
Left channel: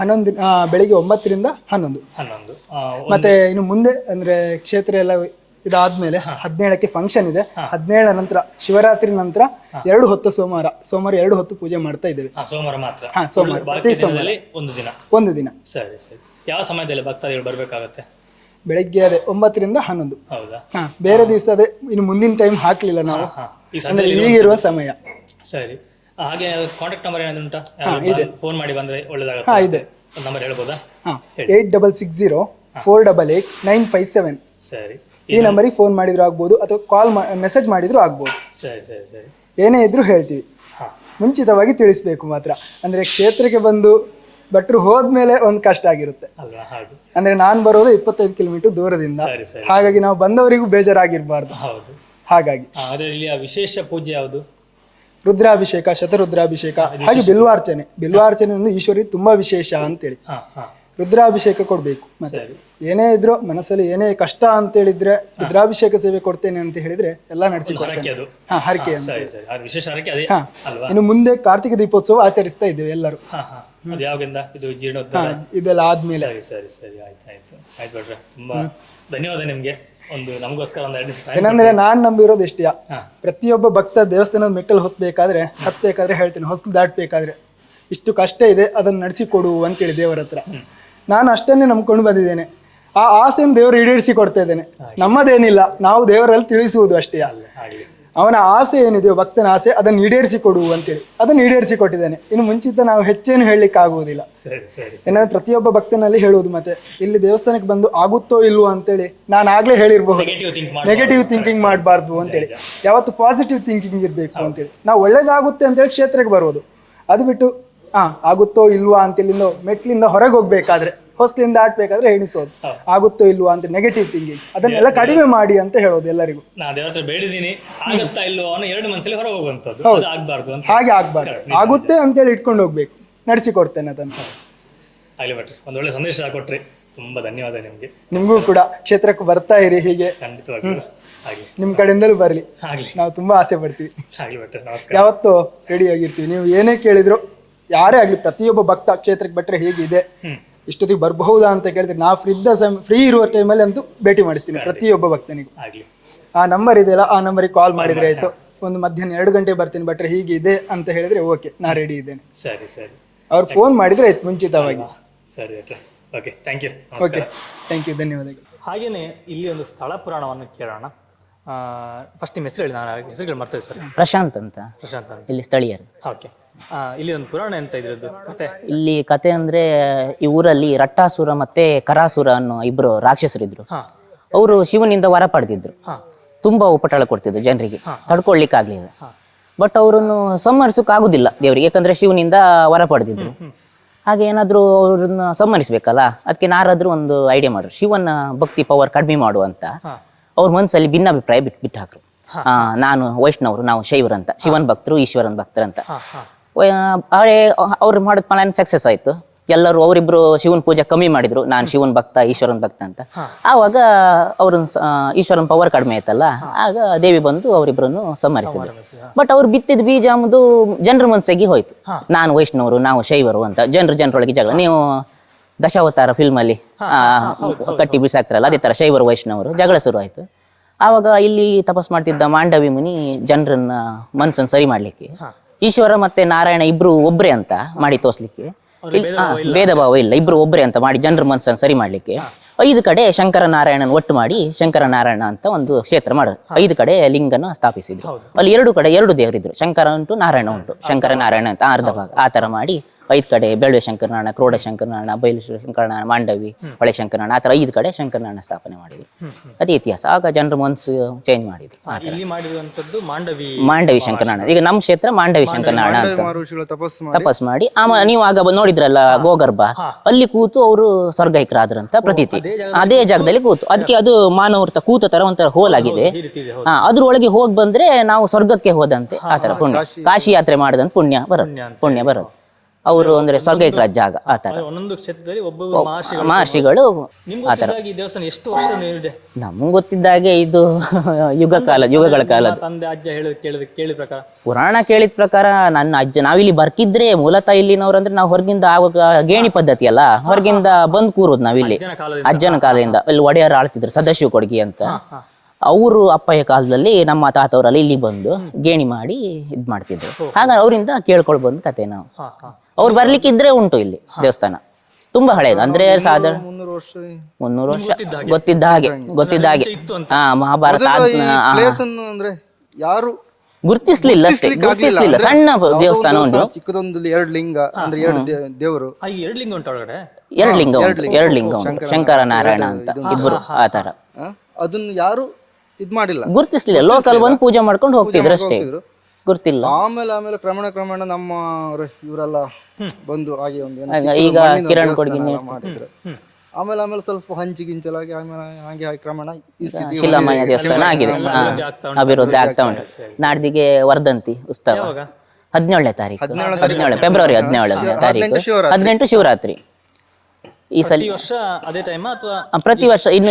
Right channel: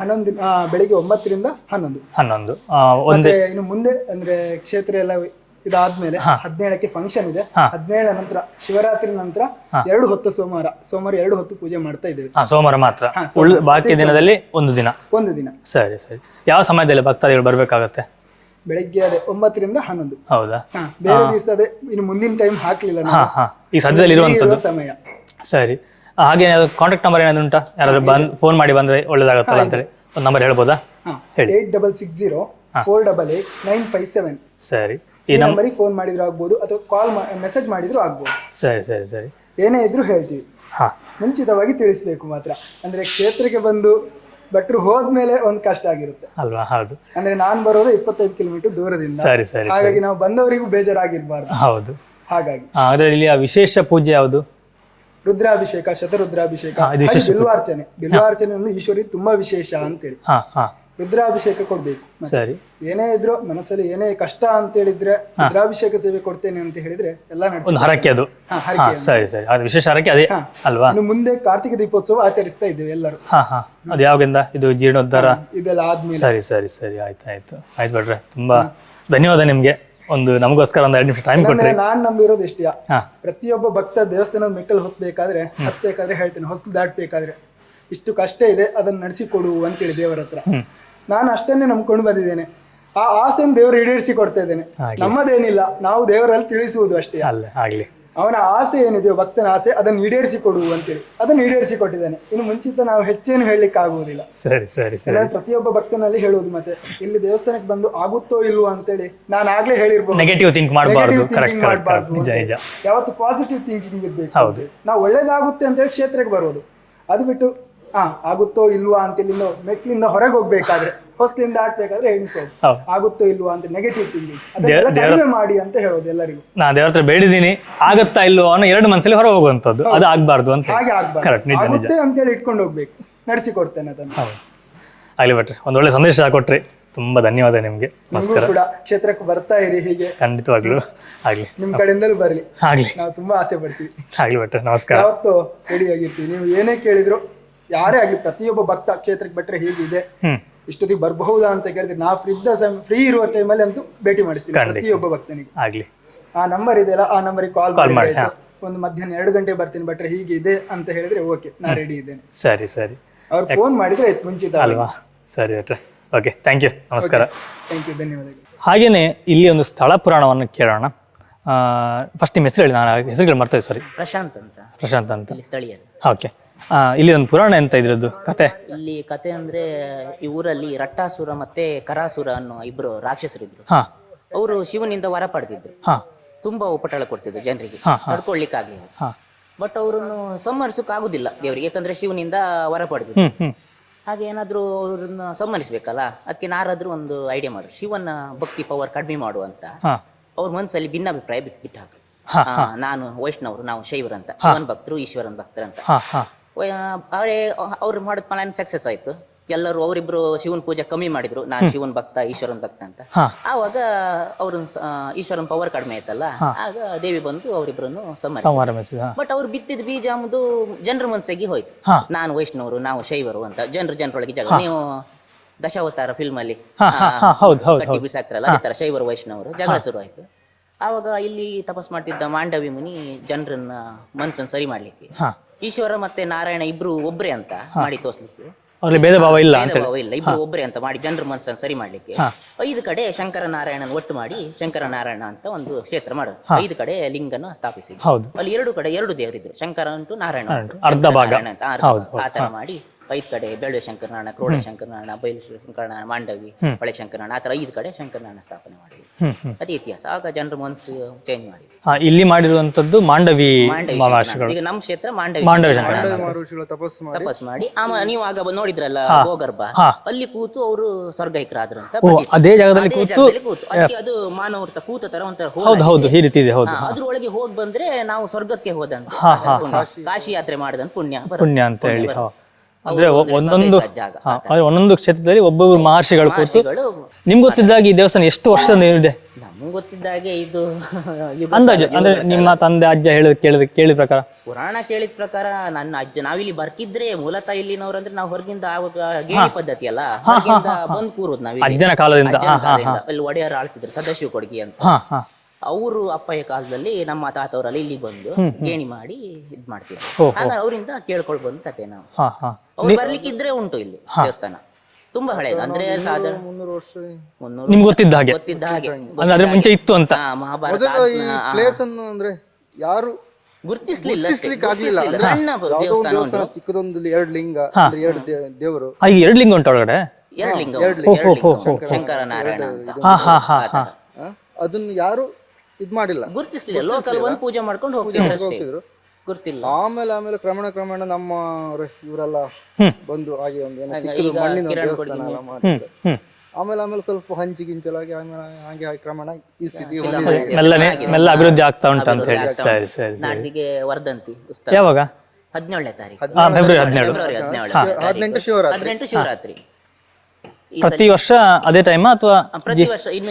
11 ಬೆಳಿಗ್ಗೆ 9ರಿಂದ 11. ಮತ್ತೆ ಇನ್ನು ಮುಂದೆ ಅಂದ್ರೆ ಕ್ಷೇತ್ರ ಎಲ್ಲ ಇದಾದ್ಮೇಲೆ 17ಕ್ಕೆ ಫಂಕ್ಷನ್ ಇದೆ. 17 ನಂತರ ಶಿವರಾತ್ರಿ ನಂತರ 2 ಹೊತ್ತು ಸೋಮವಾರ 2 ಹೊತ್ತು ಪೂಜೆ ಮಾಡ್ತಾ ಇದ್ದೇವೆ. ಸೋಮವಾರ ಮಾತ್ರ? ಬಾಕಿ ದಿನದಲ್ಲಿ ಒಂದು ದಿನ. ಸರಿ ಸರಿ. ಯಾವ ಸಮಯದಲ್ಲಿ ಭಕ್ತಾದಿಗಳು ಬರ್ಬೇಕಾಗತ್ತೆ? ಬೆಳಿಗ್ಗೆ 9ರಿಂದ 11. ಹೌದಾ? ಬೇರೆ ದಿವಸ ಅದೇ ಇನ್ನು ಮುಂದಿನ ಟೈಮ್ ಹಾಕ್ಲಿಲ್ಲ ಈ ಸದ್ಯದಲ್ಲಿ ಇರುವ ಸಮಯ. ಸರಿ. ಹಾಗೆ ಕಾಂಟ್ಯಾಕ್ಟ್ ನಂಬರ್ ಏನಾದ್ರು ಉಂಟಾ? ಯಾರಾದ್ರೂ ಫೋನ್ ಮಾಡಿ ಬಂದ್ರೆ ಒಳ್ಳೇದಾಗುತ್ತೆ. ಒಂದು ನಂಬರ್ ಹೇಳ್ಬೋದಾ? 8660-488-957. ಸರಿ. ಈ ನಂಬರಿಗೆ ಫೋನ್ ಮಾಡಿದ್ರು ಆಗ್ಬೋದು, ಅಥವಾ ಮೆಸೇಜ್ ಮಾಡಿದ್ರು ಆಗ್ಬೋದು. ಸರಿ ಸರಿ ಸರಿ. ಏನೇ ಇದ್ರು ಹೇಳ್ತೀವಿ. ಮುಂಚಿತವಾಗಿ ತಿಳಿಸ್ಬೇಕು ಮಾತ್ರ. ಅಂದ್ರೆ ಕ್ಷೇತ್ರಕ್ಕೆ ಬಂದು ಭಟ್ರು ಹೋದ್ಮೇಲೆ ಒಂದು ಕಷ್ಟ ಆಗಿರುತ್ತೆ ಅಲ್ವಾ? ಹೌದು. ಅಂದ್ರೆ ನಾನು ಬರೋದು 25 ಕಿಲೋಮೀಟರ್ ದೂರದಿಂದ, ಹಾಗಾಗಿ ನಾವು ಬಂದವರಿಗೂ ಬೇಜಾರಾಗಿರ್ಬಾರ್ದು. ಹೌದು. ಹಾಗಾಗಿ ಇಲ್ಲಿ ವಿಶೇಷ ಪೂಜೆ ಯಾವುದು? ರುದ್ರಾಭಿಷೇಕ, ಶತರುದ್ರಾಭಿಷೇಕ, ಬಿಲ್ವಾರ್ಚನೆ. ಬಿಲ್ವಾರ್ಚನೆ ಒಂದು ಈಶ್ವರಿ ತುಂಬಾ ವಿಶೇಷ ಅಂತೇಳಿ. ರುದ್ರಾಭಿಷೇಕ ಕೊಡ್ಬೇಕು. ಸರಿ. ಏನೇ ಇದ್ರು ಮನಸ್ಸಲ್ಲಿ ಏನೇ ಕಷ್ಟ ಅಂತ ಹೇಳಿದ್ರೆ ರುದ್ರಾಭಿಷೇಕ ಸೇವೆ ಕೊಡ್ತೇನೆ ಅಂತ ಹೇಳಿದ್ರೆ ಎಲ್ಲ ನಡೆಸಿ ಹರಕೆ. ಅದು ಸರಿ ಸರಿ. ಅದು ವಿಶೇಷ ಹರಕೆ ಅದೇ ಅಲ್ವಾ? ಇನ್ನು ಮುಂದೆ ಕಾರ್ತಿಕ ದೀಪೋತ್ಸವ ಆಚರಿಸ್ತಾ ಇದ್ದೇವೆ ಎಲ್ಲರೂ. ಅದು ಯಾವಾಗಿಂದ? ಇದು ಜೀರ್ಣೋದ್ಧಾರ ಇದೆಲ್ಲ ಆದ್ಮೇಲೆ. ಸರಿ ಸರಿ ಸರಿ. ಆಯ್ತು ಭಟ್ರೆ, ತುಂಬಾ ಧನ್ಯವಾದ ನಿಮ್ಗೆ. ನಮಗೋಸ್ಕರ ಒಂದು 2 ನಿಮಿಷ ಟೈಮ್ ಕೊಟ್ಟರೆ. ನಾನ್ ನಂಬಿರೋದು ಎಷ್ಟೇ, ಪ್ರತಿಯೊಬ್ಬ ಭಕ್ತ ದೇವಸ್ಥಾನದ ಮೆಟ್ಟಲು ಹತ್ಬೇಕಾದ್ರೆ ಹೇಳ್ತೀನಿ, ಹೊಸಲು ದಾಟ್ಬೇಕಾದ್ರೆ ಇಷ್ಟು ಕಷ್ಟ ಇದೆ, ಅದನ್ನ ನಡೆಸಿ ಕೊಡು ಅಂತೇಳಿ ದೇವರ ಹತ್ರ. ನಾನು ಅಷ್ಟನ್ನೇ ನಂಬ್ಕೊಂಡು ಬಂದಿದ್ದೇನೆ. ಆ ಆಸೆಯನ್ನು ದೇವರು ಈಡೇರಿಸಿ ಕೊಡ್ತಾ ಇದ್ದೇನೆ. ನಮ್ಮದೇನಿಲ್ಲ, ನಾವು ದೇವರಲ್ಲಿ ತಿಳಿಸುವುದು ಅಷ್ಟೇ. ಅವನ ಆಸೆ ಏನಿದೆಯೋ, ಭಕ್ತನ ಆಸೆ, ಅದನ್ನು ಈಡೇರಿಸಿ ಕೊಡು ಅಂತೇಳಿ ಅದನ್ನು ಈಡೇರಿಸಿ ಕೊಟ್ಟಿದ್ದಾನೆ. ಇನ್ನು ಮುಂಚಿತ ನಾವು ಹೆಚ್ಚೇನು ಹೇಳಲಿಕ್ಕೆ ಆಗುವುದಿಲ್ಲ. ಏನಾದ್ರೆ ಪ್ರತಿಯೊಬ್ಬ ಭಕ್ತನಲ್ಲಿ ಹೇಳುವುದು. ಮತ್ತೆ ಇಲ್ಲಿ ದೇವಸ್ಥಾನಕ್ಕೆ ಬಂದು ಆಗುತ್ತೋ ಇಲ್ವೋ ಅಂತೇಳಿ ನಾನು ಆಗ್ಲೇ ಹೇಳಿರ್ಬೋದು. ನೆಗೆಟಿವ್ ಥಿಂಕಿಂಗ್ ಮಾಡಬಾರ್ದು ಅಂತ. ಯಾವತ್ತು ಪಾಸಿಟಿವ್ ಥಿಂಕಿಂಗ್ ಇರ್ಬೇಕು ಅಂತೇಳಿ. ನಾವು ಒಳ್ಳೇದಾಗುತ್ತೆ ಅಂತೇಳಿ ಕ್ಷೇತ್ರಕ್ಕೆ ಬರೋದು. ಅದು ಬಿಟ್ಟು ಆಗುತ್ತೋ ಇಲ್ವಾ ಅಂತ ಇಲ್ಲಿಂದ ಮೆಟ್ಲಿಂದ ಹೊರಗೆ ಹೋಗ್ಬೇಕಾದ್ರೆ ಹೊಸ್ಲಿಂದ ದಾಟ್ಬೇಕಾದ್ರೆ ಎಣಿಸೋದು ಆಗುತ್ತೋ ಇಲ್ವಾ ಅಂತ ನೆಗೆಟಿವ್ ಥಿಂಕಿಂಗ್, ಅದನ್ನೆಲ್ಲ ಕಡಿಮೆ ಮಾಡಿ ಅಂತ ಹೇಳೋದು ಎಲ್ಲರಿಗೂ. ನಾ ದೇವ್ರ ಹತ್ರ ಬೇಡಿದೀನಿ, ಆಗತ್ತಾ ಇಲ್ವೋ ಅನ್ನೋ 2 ಮನಸ್ಸಲ್ಲಿ ಹೊರ ಹೋಗುವಂಥದ್ದು, ಅದು ಆಗ್ಬಾರ್ದು ಅಂತ. ಹಾಗೆ ಆಗ್ಬಾರ್ದು, ಆಗುತ್ತೆ ಅಂತೇಳಿ ಇಟ್ಕೊಂಡು ಹೋಗ್ಬೇಕು, ನಡೆಸಿಕೊಡ್ತೇನೆ ಅದನ್ನು. ಆಗ್ಲಿ ಭಟ್ರೆ, ಒಂದು ಒಳ್ಳೆ ಸಂದೇಶ ಕೊಟ್ರಿ, ತುಂಬಾ ಧನ್ಯವಾದ ನಿಮ್ಗೆ. ನಿಮಗೂ ಕೂಡ ಕ್ಷೇತ್ರಕ್ಕೆ ಬರ್ತಾ ಇರಿ, ಹೀಗೆ ಖಂಡಿತವಾಗ್ಲು ಆಗ್ಲಿ, ನಿಮ್ ಕಡೆಯಿಂದಲೂ ಬರ್ಲಿ, ಆಗ್ಲಿ, ನಾವು ತುಂಬಾ ಆಸೆ ಪಡ್ತೀವಿ. ಆಗ್ಲಿ ಭಟ್ರೆ, ನಮಸ್ಕಾರ. ಯಾವತ್ತು ರೆಡಿ ಆಗಿರ್ತೀವಿ, ನೀವು ಏನೇ ಕೇಳಿದ್ರು ಯಾರೇ ಆಗ್ಲಿ, ಪ್ರತಿಯೊಬ್ಬ ಭಕ್ತ ಕ್ಷೇತ್ರಕ್ಕೆ ಬಿಟ್ರೆ ಹೇಗಿದೆ, ಇಷ್ಟೊತ್ತಿಗೆ ಬರಬಹುದಾ ಅಂತ ಕೇಳಿದ್ರೆ ನಾವು ಫ್ರೀ ಇರುವ ಟೈಮಲ್ಲಿ ಅಂತೂ ಭೇಟಿ ಮಾಡಿಸ್ತೀವಿ ಪ್ರತಿಯೊಬ್ಬ ಭಕ್ತನಿಗೂ. ಆಗ್ಲಿ, ಆ ನಂಬರ್ ಇದೆಯಲ್ಲ, ಆ ನಂಬರಿಗೆ ಕಾಲ್ ಮಾಡಿದ್ರೆ ಆಯ್ತು, ಒಂದು ಮಧ್ಯಾಹ್ನ 2 ಗಂಟೆ ಬರ್ತೀನಿ ಭಟ್ರೆ ಹೀಗೆ ಇದೆ ಅಂತ ಹೇಳಿದ್ರೆ ಓಕೆ, ನಾ ರೆಡಿ ಇದ್ದೇನೆ. ಸರಿ ಸರಿ, ಅವ್ರು ಫೋನ್ ಮಾಡಿದ್ರೆ ಆಯ್ತು ಮುಂಚಿತ. ಸರಿ ಭಟ್ರೆ, ಓಕೆ, ಥ್ಯಾಂಕ್ ಯು, ನಮಸ್ಕಾರ. ಥ್ಯಾಂಕ್ ಯು, ಧನ್ಯವಾದಗಳು. ಹಾಗೇನೆ ಇಲ್ಲಿ ಒಂದು ಸ್ಥಳ ಪುರಾಣವನ್ನು ಕೇಳೋಣ. ಫಸ್ಟ್ ನಿಮ್ಮ ಹೆಸರು ಹೇಳಿ, ನಾನು ಹೆಸರುಗಳು ಮರ್ತೇವೆ. ಸರಿ, ಪ್ರಶಾಂತ್ ಅಂತ, ಪ್ರಶಾಂತ್ ಅಂತ, ಇಲ್ಲಿ ಸ್ಥಳೀಯರು. ಓಕೆ. ಇಲ್ಲಿ ಒಂದು ಪುರಾಣ ಎಂತ ಇದ್ರದ್ದು ಕತೆ? ಇಲ್ಲಿ ಕತೆ ಅಂದ್ರೆ, ಈ ಊರಲ್ಲಿ ರಟ್ಟಾಸುರ ಮತ್ತೆ ಕರಾಸುರ ಅನ್ನೋ 2 ರಾಕ್ಷಸರಿದ್ರು. ಅವರು ಶಿವನಿಂದ ವರ ಪಡೆದಿದ್ರು, ತುಂಬಾ ಉಪಟಳ ಕೊಡ್ತಿದ್ರು ಜನರಿಗೆ, ತಡ್ಕೊಳ್ಲಿಕ್ಕೆ ಆಗ್ಲಿಲ್ಲ. ಬಟ್ ಅವರನ್ನು ಸಂಹರಿಸೋಕೆ ಆಗುದಿಲ್ಲ ದೇವರಿಗೆ, ಯಾಕಂದ್ರೆ ಶಿವನಿಂದ ವರ ಪಡೆದಿದ್ರು. ಹಾಗೆ ಏನಾದ್ರು ಅವ್ರನ್ನ ಸಂಹರಿಸ್ಬೇಕಲ್ಲ, ಅದಕ್ಕೆ ನಾರಾದ್ರೂ ಒಂದು ಐಡಿಯಾ ಮಾಡ್ರು, ಶಿವನ ಭಕ್ತಿ ಪವರ್ ಕಡಿಮೆ ಮಾಡುವಂತ. ಅವ್ರ ಮನ್ಸಲ್ಲಿ ಭಿನ್ನಾಭಿಪ್ರಾಯ ಬಿಟ್ಟು ಹಾಕ್ರು. ನಾನು ವೈಷ್ಣವರು, ನಾವು ಶೈವರು ಅಂತ, ಶಿವನ್ ಭಕ್ತರು, ಈಶ್ವರನ್ ಭಕ್ತರಂತ. ಅವ್ರು ಮಾಡಿದ ಪ್ಲಾನ್ ಸಕ್ಸಸ್ ಆಯ್ತು. ಎಲ್ಲರೂ ಅವರಿಬ್ರು ಶಿವನ್ ಪೂಜೆ ಕಮ್ಮಿ ಮಾಡಿದ್ರು, ನಾನು ಶಿವನ್ ಭಕ್ತ, ಈಶ್ವರನ್ ಭಕ್ತ ಅಂತ. ಆವಾಗ ಅವ್ರನ್ನ ಈಶ್ವರನ್ ಪವರ್ ಕಡಿಮೆ ಆಯ್ತಲ್ಲ, ಆಗ ದೇವಿ ಬಂದು ಅವರಿಬ್ರನ್ನು ಸಂಹರಿಸಿದ್ರು. ಬಟ್ ಅವ್ರು ಬಿತ್ತಿದ ಬೀಜ ಅಂಬುದು ಜನರ ಮನಸ್ಸಿಗೆ ಹೋಯ್ತು, ನಾನು ವೈಷ್ಣವರು, ನಾವು ಶೈವರು ಅಂತ. ಜನರೊಳಗೆ ಜಗಳ. ನೀವು ದಶಾವತಾರ ಫಿಲ್ಮ್ ಅಲ್ಲಿ ಕಟ್ಟಿ ಬಿಸಾಕ್ತಾರಲ್ಲ, ಅದೇ ತರ ಶೈವರು ವೈಷ್ಣವರು ಜಗಳ ಶುರು ಆಯ್ತು. ಆವಾಗ ಇಲ್ಲಿ ತಪಸ್ ಮಾಡ್ತಿದ್ದ ಮಾಂಡವಿ ಮುನಿ ಜನರನ್ನ ಮನ್ಸನ್ನು ಸರಿ ಮಾಡ್ಲಿಕ್ಕೆ ಈಶ್ವರ ಮತ್ತೆ ನಾರಾಯಣ ಇಬ್ರು ಒಬ್ರೆ ಅಂತ ಮಾಡಿ ತೋರ್ಸ್ಲಿಕ್ಕೆ, ಭೇದ ಭಾವ ಇಲ್ಲ, ಇಬ್ರು ಒಬ್ರೆ ಅಂತ ಮಾಡಿ ಜನರ ಮನ್ಸನ್ನು ಸರಿ ಮಾಡ್ಲಿಕ್ಕೆ 5 ಕಡೆ ಶಂಕರನಾರಾಯಣನ್ ಒಟ್ಟು ಮಾಡಿ ಶಂಕರನಾರಾಯಣ ಅಂತ ಒಂದು ಕ್ಷೇತ್ರ ಮಾಡೋದು. 5 ಕಡೆ ಲಿಂಗನ ಸ್ಥಾಪಿಸಿದ್ರು. ಅಲ್ಲಿ 2 ಕಡೆ 2 ದೇವರಿದ್ರು, ಶಂಕರ ಉಂಟು, ನಾರಾಯಣ ಉಂಟು. ಶಂಕರನಾರಾಯಣ ಅಂತ ಅರ್ಧ ಭಾಗ ಆ ತರ ಮಾಡಿ 5 ಕಡೆ ಬೆಳ್ಳುವೆ ಶಂಕರನಾರಾಯಣ, ಕ್ರೋಡ ಶಂಕರನಾರಾಯಣ, ಬೈಲು ಶಂಕರನಾರಾಯಣ, ಮಾಂಡವಿ, ಹೊಳೆ ಶಂಕರನಾರಾಯಣ, ಆ ತರ 5 ಕಡೆ ಶಂಕರನಾರಾಯಣ ಸ್ಥಾಪನೆ ಮಾಡಿದ್ರು. ಅದೇ ಇತಿಹಾಸ. ಆಗ ಜನರ ಮನಸ್ಸು ಚೇಂಜ್ ಮಾಡಿದ್ರು. ಇಲ್ಲಿ ಮಾಡಿರುವಂತದ್ದು ಮಾಂಡವಿ ಶಂಕರನಾರಾಯಣ. ಈಗ ನಮ್ಮ ಕ್ಷೇತ್ರ ಮಾಂಡವಿ ಶಂಕರನಾರಾಯಣ ತಪಸ್ ಮಾಡಿ. ನೀವು ಆಗ ನೋಡಿದ್ರಲ್ಲ ಗೋಗರ್ಭ, ಅಲ್ಲಿ ಕೂತು ಅವರು ಸ್ವರ್ಗೈಕರಾದ್ರಂತ ಪ್ರತೀತಿ. ಅದೇ ಜಾಗದಲ್ಲಿ ಕೂತು, ಅದಕ್ಕೆ ಅದು ಮಾನವರ್ತ ಕೂತ ತರ ಒಂಥರ ಹೋಲ್ ಆಗಿದೆ. ಅದ್ರೊಳಗೆ ಹೋಗಿ ಬಂದ್ರೆ ನಾವು ಸ್ವರ್ಗಕ್ಕೆ ಹೋದಂತೆ, ಆ ತರ ಪುಣ್ಯ. ಕಾಶಿ ಯಾತ್ರೆ ಮಾಡದಂತ ಪುಣ್ಯ ಬರೋದು. ಅವರು ಜಾಗ. ಒಂದೊಂದು ಕ್ಷೇತ್ರದಲ್ಲಿ ಒಬ್ಬೊಬ್ಬರು ಮಹರ್ಷಿಗಳು. ನಿಮ್ಗೆ ಗೊತ್ತಿದ್ದಾಗೆ ಈ ದೇವಸ್ಥಾನ ಎಷ್ಟು ವರ್ಷ ಇದೆ? ನಮ್ಗೆ ಗೊತ್ತಿದ್ದಾಗೆ ಇದು ಯುಗಗಳ ಕಾಲ. ತಂದೆ ಅಜ್ಜ ಕೇಳಿದ ಪ್ರಕಾರ, ಪುರಾಣ ಕೇಳಿದ ಪ್ರಕಾರ, ನನ್ನ ಅಜ್ಜ, ನಾವಿಲ್ಲಿ ಬರ್ಕಿದ್ರೆ ಮೂಲತಃ ಇಲ್ಲಿನವ್ರು ಅಂದ್ರೆ ನಾವು ಹೊರಗಿಂದ ಆವಾಗ ಗೇಣಿ ಪದ್ಧತಿ ಅಲ್ಲ, ಹೊರಗಿಂದ ಬಂದ್ ಕೂರೋದು ನಾವಿಲ್ಲಿ. ಅಜ್ಜನ ಕಾಲದಿಂದ ಇಲ್ಲಿ ಒಡೆಯರು ಆಳ್ತಿದ್ರು, ಸದಾಶಿವ ಕೊಡ್ಗಿ ಅಂತ. ಅವರು ಅಪ್ಪಯ್ಯ ಕಾಲದಲ್ಲಿ ನಮ್ಮ ತಾತವರಲ್ಲಿ ಇಲ್ಲಿ ಬಂದು ಗೇಣಿ ಮಾಡಿ ಇದ್ ಮಾಡ್ತಿದ್ರು. ಹಾಗಾಗಿ ಅವರಿಂದ ಕೇಳ್ಕೊಳ್ ಬಂದ್ ಕತೆ ನಾವು. ಅವ್ರು ಬರ್ಲಿಕ್ಕಿದ್ರೆ ಉಂಟು ಇಲ್ಲಿ ದೇವಸ್ಥಾನ, ತುಂಬಾ ಹಳೇದು. ಅಂದ್ರೆ ಸಾಧಾರಣ 300 ವರ್ಷ ಗೊತ್ತಿದ್ದ ಹಾಗೆ ಇತ್ತು ಅಂತ. ಮಹಾಭಾರತ ಯಾರು ಗುರ್ತಿಸ್ಲಿಲ್ಲ ಅಷ್ಟೇ, ಗುರ್ತಿಸ್ಲಿಲ್ಲ. ಸಣ್ಣ ದೇವಸ್ಥಾನ ಉಂಟು, ಚಿಕ್ಕದೊಂದು 2 ಲಿಂಗ, 2 ದೇವರು. 2 ಲಿಂಗ ಉಂಟು ಒಳಗಡೆ. 2 ಲಿಂಗ ಶಂಕರನಾರಾಯಣ ಅಂತ ಆ ತರ. ಅದನ್ನ ಯಾರು ಇದ್ ಮಾಡಿಲ್ಲ, ಗುರ್ತಿಸ್ಲಿಲ್ಲ. ಲೋಕಲ್ ಬಂದು ಪೂಜೆ ಮಾಡ್ಕೊಂಡು ಹೋಗ್ತಿದ್ರು ಅಷ್ಟೇ, ಗುರ್ತಿಲ್ಲ. ಆಮೇಲೆ ಕ್ರಮೇಣ ನಮ್ಮ ಇವರೆಲ್ಲ ಬಂದು ಹಾಗೆ ಒಂದು ಈಗ ಕಿರಣ್ ಕೊಡ್ಗಿ ಆಮೇಲೆ ಸ್ವಲ್ಪ ಹಂಚಿಗಿಂಚಲಾಗಿ ಹಾಗೆ ಕ್ರಮೇಣ ಶಿಲಾಮಯ ದೇವಸ್ಥಾನ ಆಗಿದೆ, ಅಭಿವೃದ್ಧಿ ಆಗ್ತಾ ಉಂಟು. ನಾಡ್ದಿಗೆ ವರ್ಧಂತಿ ಉತ್ಸವ 17ನೇ ತಾರೀಕು, ಫೆಬ್ರವರಿ 17ನೇ ತಾರೀಕು, 18 ಶಿವರಾತ್ರಿ. ಪ್ರತಿ ವರ್ಷ ಅದೇ ಟೈಮ್ ಅಥವಾ ಪ್ರತಿ ವರ್ಷ? ಇನ್ನು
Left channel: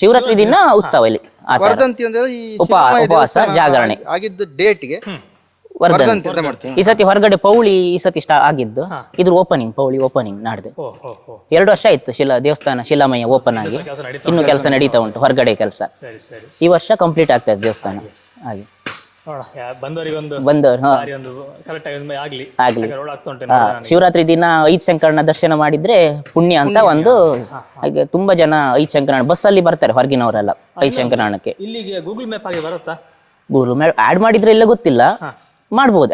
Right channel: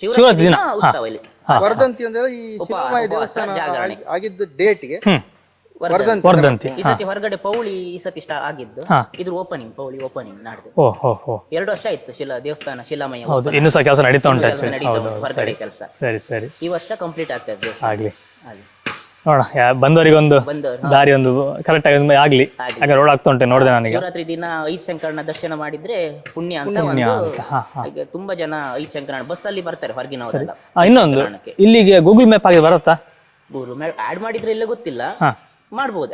ಶಿವರಾತ್ರಿ ದಿನ ಉತ್ಸವ ಇಲ್ಲಿ. ವರ್ಧಂತಿ ಅಂದ್ರೆ ಉಪವಾಸ ಜಾಗರಣೆ ಆಗಿದ್ದ ಡೇಟ್ಗೆ ವರ್ಧಂತಿ. ಈ ಸತಿ ಹೊರಗಡೆ ಪೌಳಿ ಈ ಸತಿ ಆಗಿದ್ದು, ಇದ್ರ ಓಪನಿಂಗ್, ಪೌಳಿ ಓಪನಿಂಗ್ ನಾಡ್ದು. 2 ವರ್ಷ ಆಯ್ತು ದೇವಸ್ಥಾನ ಶಿಲಾಮಯ ಓಪನ್. ಇನ್ನು ಕೆಲಸ ನಡೀತಾ ಉಂಟು, ಹೊರಗಡೆ ಕೆಲಸ. ಈ ವರ್ಷ ಕಂಪ್ಲೀಟ್ ಆಗ್ತದೆ ದೇವಸ್ಥಾನ. ಹಾಗೆ ನೋಡ, ಬಂದವರಿಗೊಂದು ದಾರಿ ಒಂದು ಕರೆಕ್ಟ್ ಆಗಿ ಆಗ್ಲಿ. ರೋಡ್ ಆಗ್ತಾ ಉಂಟು ನೋಡಿದೆ ನಾನು. ಶಿವರಾತ್ರಿ ದಿನ 5 ಶಂಕರನ ದರ್ಶನ ಮಾಡಿದ್ರೆ ಪುಣ್ಯ ಅಂತ ಒಂದು. ಹಾಗೆ ತುಂಬಾ ಜನ 5 ಶಂಕರನ ಬಸ್ ಅಲ್ಲಿ ಬರ್ತಾರೆ ಹೊರಗಿನವರೆಲ್ಲ 5 ಶಂಕರನಕ್ಕೆ. ಇಲ್ಲಿಗೆ ಗೂಗಲ್ ಮ್ಯಾಪ್ ಆಗಿ ಬರುತ್ತಾ? ಗೂಗಲ್ ಮ್ಯಾಪ್ ಆಡ್ ಮಾಡಿದ್ರೆ ಇಲ್ಲ ಗೊತ್ತಿಲ್ಲ, ಮಾಡ್ಬೋದು.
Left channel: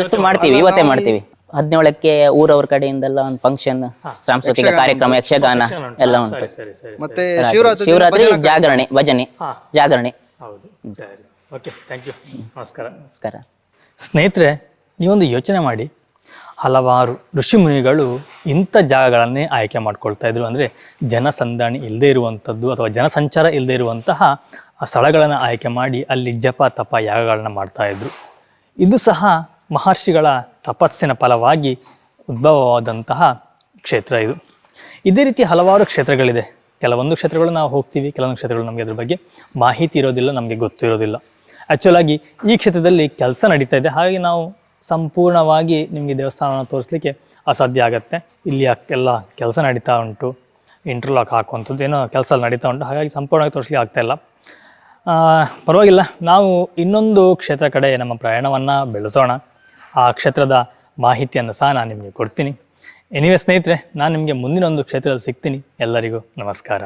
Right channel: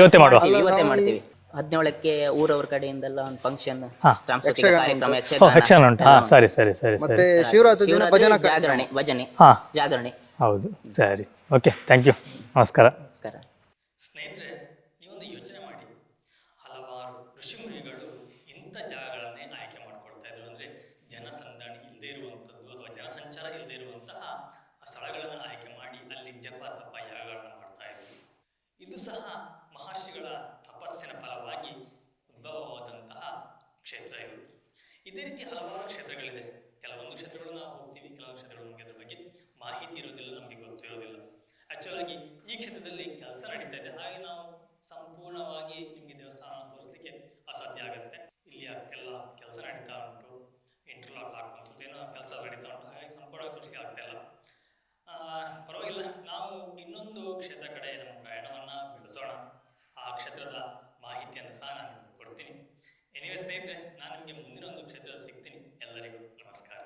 ಇವತ್ತೇ ಮಾಡ್ತೀವಿ. 17ಕ್ಕೆ ಊರವ್ರ ಕಡೆಯಿಂದೆಲ್ಲ ಒಂದು ಫಂಕ್ಷನ್, ಸಾಂಸ್ಕೃತಿಕ ಕಾರ್ಯಕ್ರಮ, ಯಕ್ಷಗಾನ ಎಲ್ಲ. ಶಿವರಾತ್ರಿ ಜಾಗರಣೆ, ಭಜನೆ, ಜಾಗರಣೆ. ಹೌದು, ಸರಿ, ಓಕೆ, ಥ್ಯಾಂಕ್ ಯು, ನಮಸ್ಕಾರ. ನಮಸ್ಕಾರ. ಸ್ನೇಹಿತರೆ, ನೀವೊಂದು ಯೋಚನೆ ಮಾಡಿ, ಹಲವಾರು ಋಷಿಮುನಿಗಳು ಇಂಥ ಜಾಗಗಳನ್ನೇ ಆಯ್ಕೆ ಮಾಡ್ಕೊಳ್ತಾ ಇದ್ರು. ಅಂದರೆ ಜನಸಂದಣಿ ಇಲ್ಲದೇ ಇರುವಂಥದ್ದು ಅಥವಾ ಜನಸಂಚಾರ ಇಲ್ಲದೇ ಇರುವಂತಹ ಆ ಸ್ಥಳಗಳನ್ನು ಆಯ್ಕೆ ಮಾಡಿ ಅಲ್ಲಿ ಜಪ ತಪ ಯಾಗಗಳನ್ನು ಮಾಡ್ತಾಯಿದ್ರು. ಇದು ಸಹ ಮಹರ್ಷಿಗಳ ತಪಸ್ಸಿನ ಫಲವಾಗಿ ಉದ್ಭವವಾದಂತಹ ಕ್ಷೇತ್ರ ಇದು. ಇದೇ ರೀತಿ ಹಲವಾರು ಕ್ಷೇತ್ರಗಳಿದೆ. ಕೆಲವೊಂದು ಕ್ಷೇತ್ರಗಳು ನಾವು ಹೋಗ್ತೀವಿ, ಕೆಲವೊಂದು ಕ್ಷೇತ್ರಗಳು ನಮಗೆ ಅದ್ರ ಬಗ್ಗೆ ಮಾಹಿತಿ ಇರೋದಿಲ್ಲ, ನಮಗೆ ಗೊತ್ತಿರೋದಿಲ್ಲ. ಆ್ಯಕ್ಚುಲಾಗಿ ಈ ಕ್ಷೇತ್ರದಲ್ಲಿ ಕೆಲಸ ನಡೀತಾ ಇದೆ, ಹಾಗಾಗಿ ನಾವು ಸಂಪೂರ್ಣವಾಗಿ ನಿಮಗೆ ದೇವಸ್ಥಾನವನ್ನು ತೋರಿಸ್ಲಿಕ್ಕೆ ಅಸಾಧ್ಯ ಆಗುತ್ತೆ. ಇಲ್ಲಿ ಎಲ್ಲ ಕೆಲಸ ನಡೀತಾ ಉಂಟು, ಇಂಟರ್ಲಾಕ್ ಹಾಕುವಂಥದ್ದು ಏನೋ ಕೆಲಸ ನಡೀತಾ ಉಂಟು, ಹಾಗಾಗಿ ಸಂಪೂರ್ಣವಾಗಿ ತೋರಿಸ್ಲಿಕ್ಕೆ ಆಗ್ತಾಯಿಲ್ಲ. ಪರವಾಗಿಲ್ಲ, ನಾವು ಇನ್ನೊಂದು ಕ್ಷೇತ್ರ ಕಡೆ ನಮ್ಮ ಪ್ರಯಾಣವನ್ನು ಬೆಳೆಸೋಣ. ಆ ಕ್ಷೇತ್ರದ ಮಾಹಿತಿಯನ್ನು ಸಹ ನಾನು ನಿಮಗೆ ಕೊಡ್ತೀನಿ. ಎನಿವೆ ಸ್ನೇಹಿತರೆ, ನಾನು ನಿಮಗೆ ಮುಂದಿನ ಒಂದು ಕ್ಷೇತ್ರದಲ್ಲಿ ಸಿಗ್ತೀನಿ. ಎಲ್ಲರಿಗೂ ನಮಸ್ಕಾರ.